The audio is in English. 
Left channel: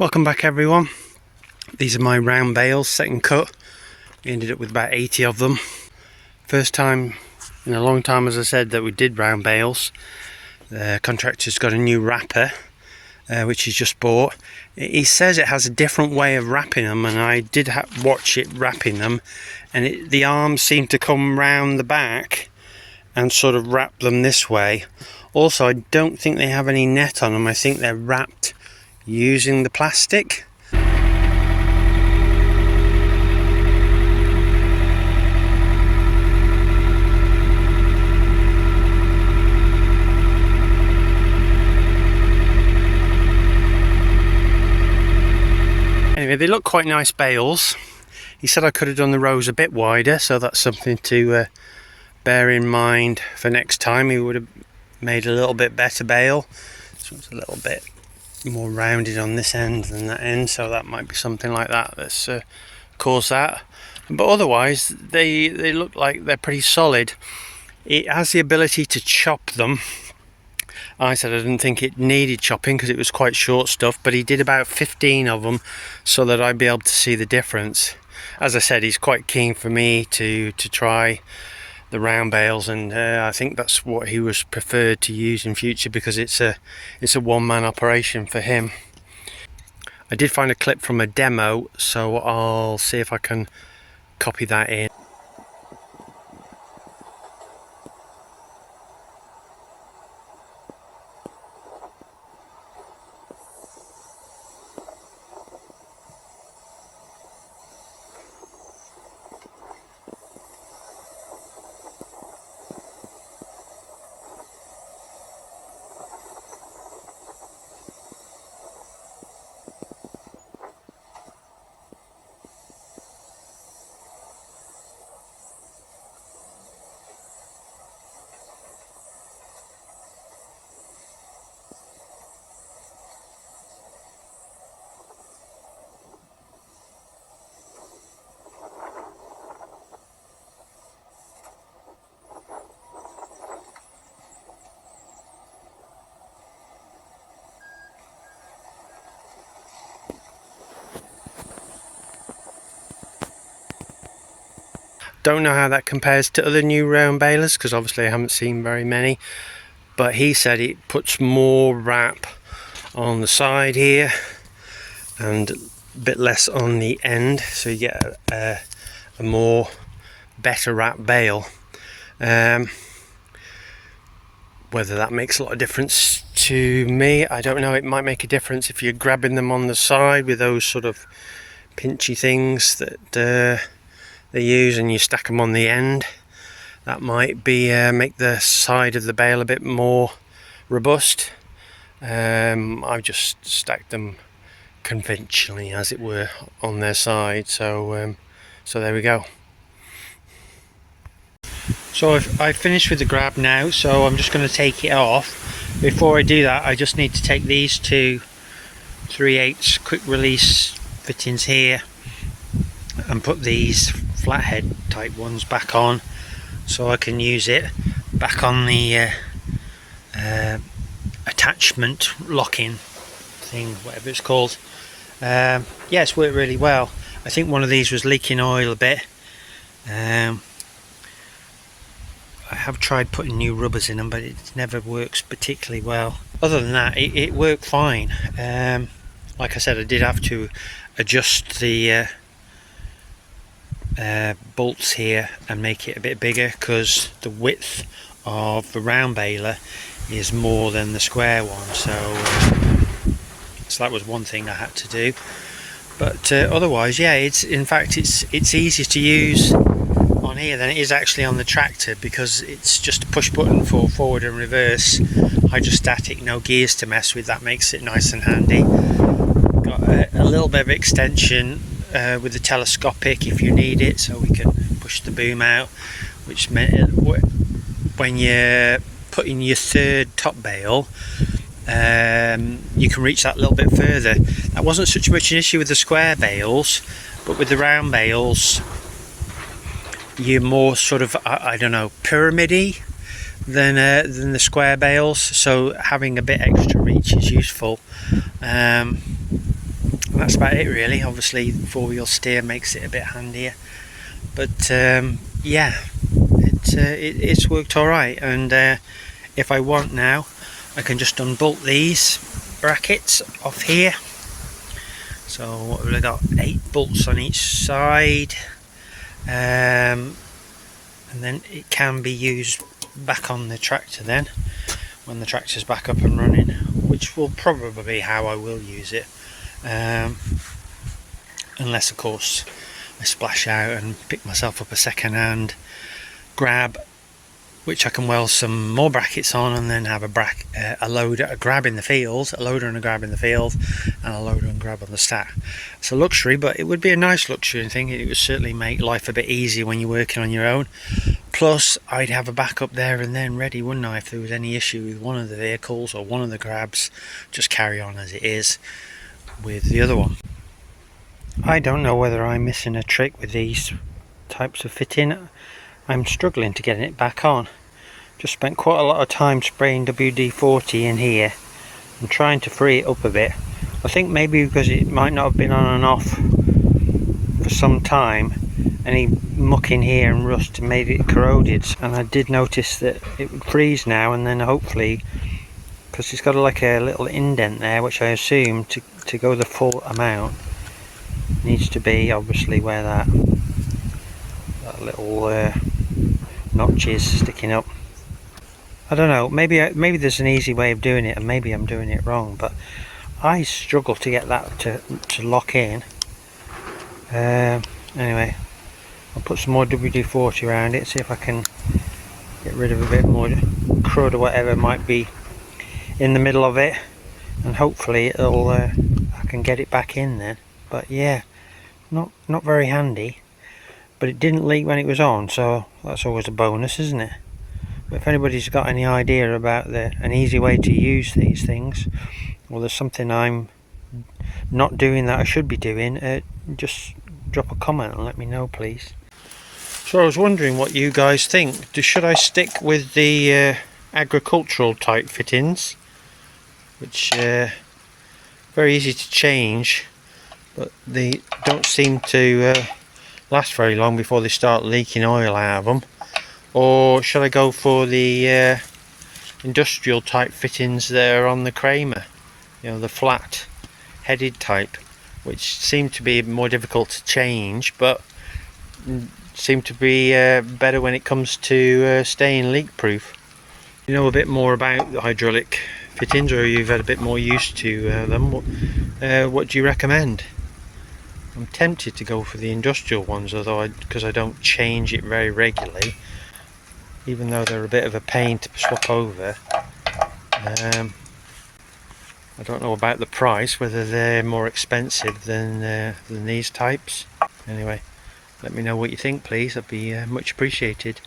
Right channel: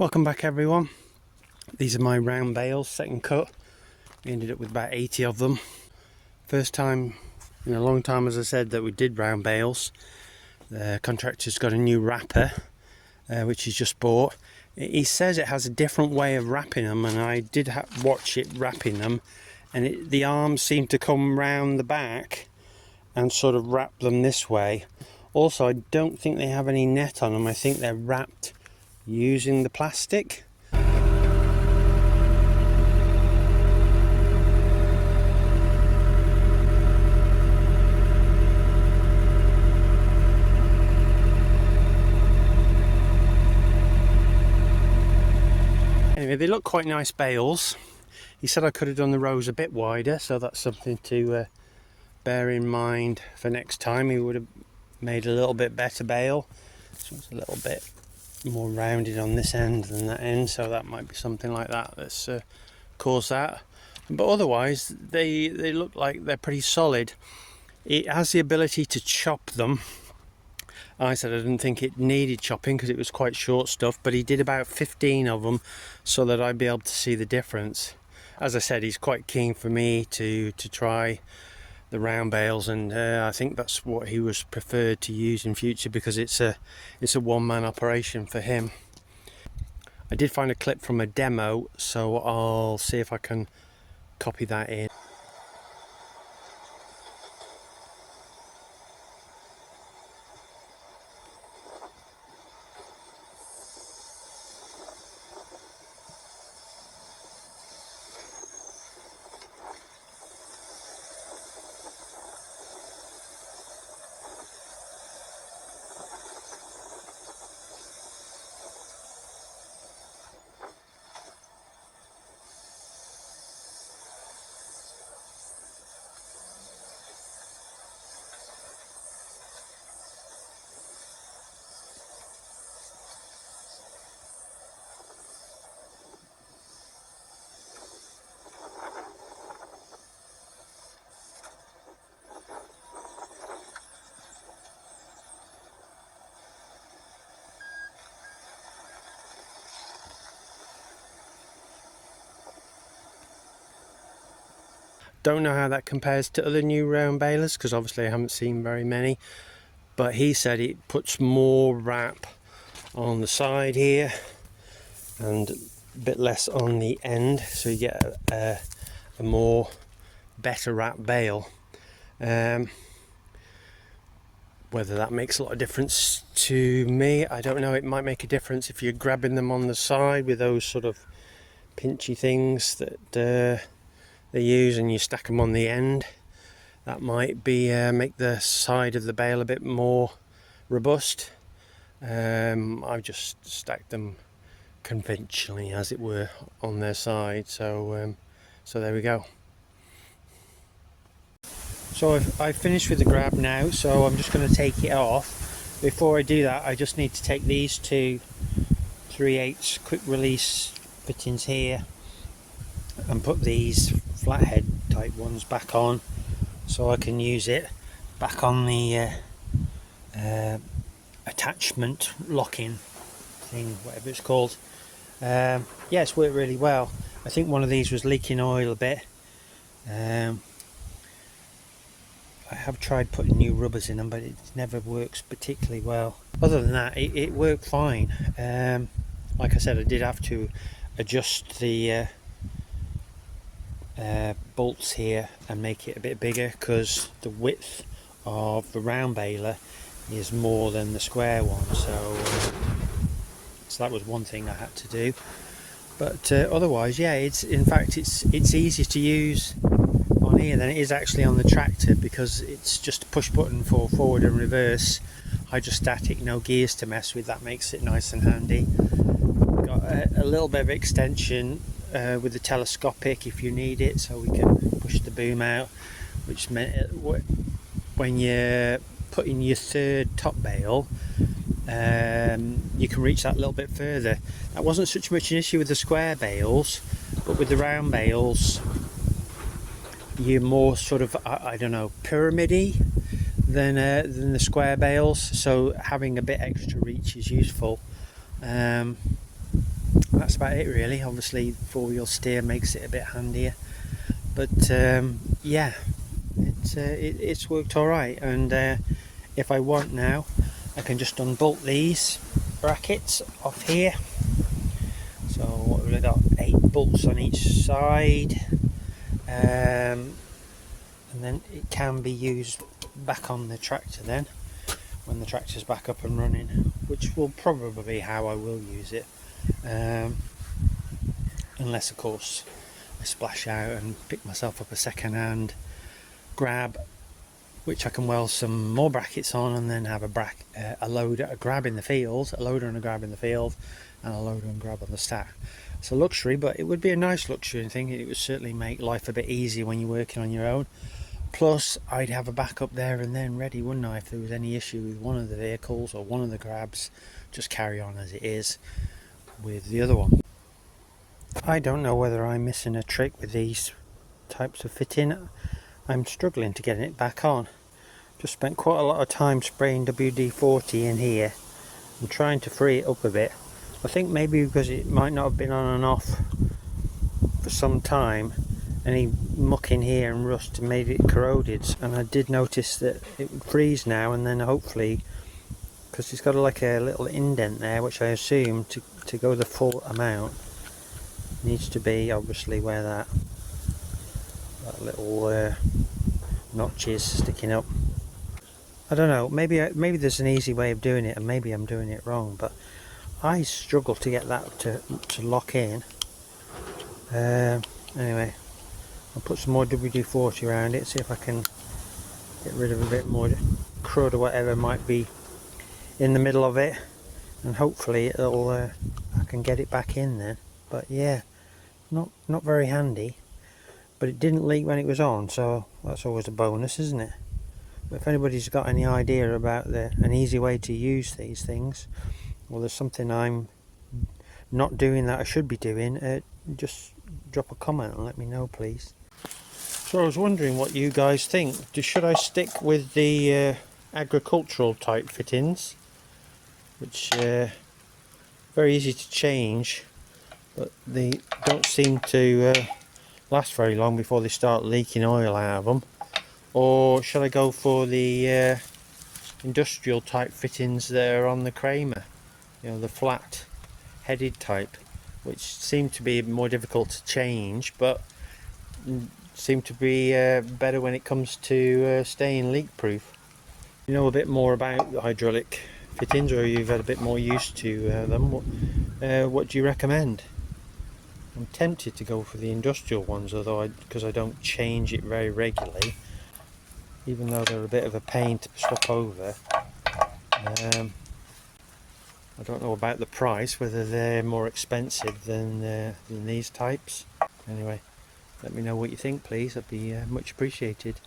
Welcome back everyone. These are my round bales, second cut. We ended up with about 80 of them. First time in a long time, as I said, that we did round bales. The contractor's got a new wrapper which he's just bought. He says it has a different way of wrapping them, and I did watch it wrapping them, and the arms seem to come round the back and sort of wrap them this way. Also, I don't think they have any net on them. I think they're wrapped using the plastic. Anyway, they look quite nice bales. He said I could have done the rows a bit wider, so that's something to bear in mind for next time. He would have made a little bit better bale. So it's a little bit more rounded on this end than that end, so that might be something like that that's caused that. But otherwise they look like they're pretty solid. It has the ability to chop them. I said I didn't think it needed chopping because it was quite short stuff, but he did about 15 of them so that I'd be able to see the difference. As I said, he's quite keen for me to try the round bales, and I think that's what he was preferred to use in future because it's a one-man operation for him. I did find a clip from a demo, so I'll see if I can copy that in. Don't know how that compares to other new round balers because obviously I haven't seen very many, but he said it puts more wrap on the side here and a bit less on the end, so you get a more better wrap bale. Whether that makes a lot of difference to me, I don't know. It might make a difference if you're grabbing them on the side with those sort of pinchy things that they use, and you stack them on the end. That might be make the side of the bale a bit more robust. I've just stacked them conventionally, as it were, on their side, so there we go. So I've finished with the grab now, so I'm just going to take it off. Before I do that, I just need to take these two 3/8 quick release fittings here and put these flathead type ones back on so I can use it back on the attachment locking thing, whatever it's called. Yeah, it's worked really well. I think one of these was leaking oil a bit. I have tried putting new rubbers in them, but it never works particularly well. Other than that, it worked fine. Like I said, I did have to adjust the bolts here and make it a bit bigger because the width of the round baler is more than the square one, so that was one thing I had to do. But otherwise, yeah, it's easier to use on here than it is actually on the tractor because it's just a push button for forward and reverse, hydrostatic, no gears to mess with. That makes it nice and handy. Got a little bit of extension with the telescopic if you need it, so we can push the boom out, which meant when you're putting your third top bale, you can reach that a little bit further. That wasn't such much an issue with the square bales, but with the round bales you're more sort of, I don't know, pyramid-y, than the square bales, so having a bit extra reach is useful. That's about it really. Obviously 4-wheel steer makes it a bit handier, but yeah, it's worked alright. And if I want now, I can just unbolt these brackets off here. So what have we got? 8 bolts on each side, and then it can be used back on the tractor then when the tractor's back up and running, which will probably be how I will use it, unless of course I splash out and pick myself up a second-hand grab, which I can weld some more brackets on and then have a loader, a grab in the field, a loader and a grab in the field, and a loader and grab on the stack. It's a luxury, but it would be a nice luxury thing. It would certainly make life a bit easier when you're working on your own. Plus, I'd have a backup there and then ready, wouldn't I, if there was any issue with one of the vehicles or one of the grabs. Just carry on as it is with the other one. I don't know whether I'm missing a trick with these types of fitting. I'm struggling to get it back on. Just spent quite a lot of time spraying WD-40 in here and trying to free it up a bit. I think maybe because it might not have been on and off for some time, any muck in here and rust made it corroded, and I did notice that it would freeze now and then, hopefully, because it's got like a little indent there, which I assume to go the full amount needs to be obviously where that little notch is sticking up. I don't know, maybe there's an easy way of doing it and maybe I'm doing it wrong, but I struggle to get that to lock in. Anyway, I'll put some more WD-40 around it, see if I can get rid of a bit more crud or whatever might be in the middle of it, and hopefully it'll I can get it back in then. But yeah, not very handy, but it didn't leak when it was on, so that's always a bonus, isn't it? But if anybody's got any idea about an easy way to use these things, or there's something I'm not doing that I should be doing, just drop a comment and let me know, please. So I was wondering what you guys think. Should I stick with the agricultural type fittings, which very easy to change, but they don't seem to last very long before they start leaking oil out of them? Or should I go for the industrial type fittings that are on the Kramer, you know, the flat headed type, which seem to be more difficult to change but seem to be better when it comes to staying leak proof? You know a bit more about the hydraulic fittings, or you've had a bit more used to them, what do you recommend? I'm tempted to go for the industrial ones, although because I don't change it very regularly, even though they're a bit of a pain to swap over. I don't know about the price, whether they're more expensive than these types. Anyway, let me know what you think, please. That'd be much appreciated.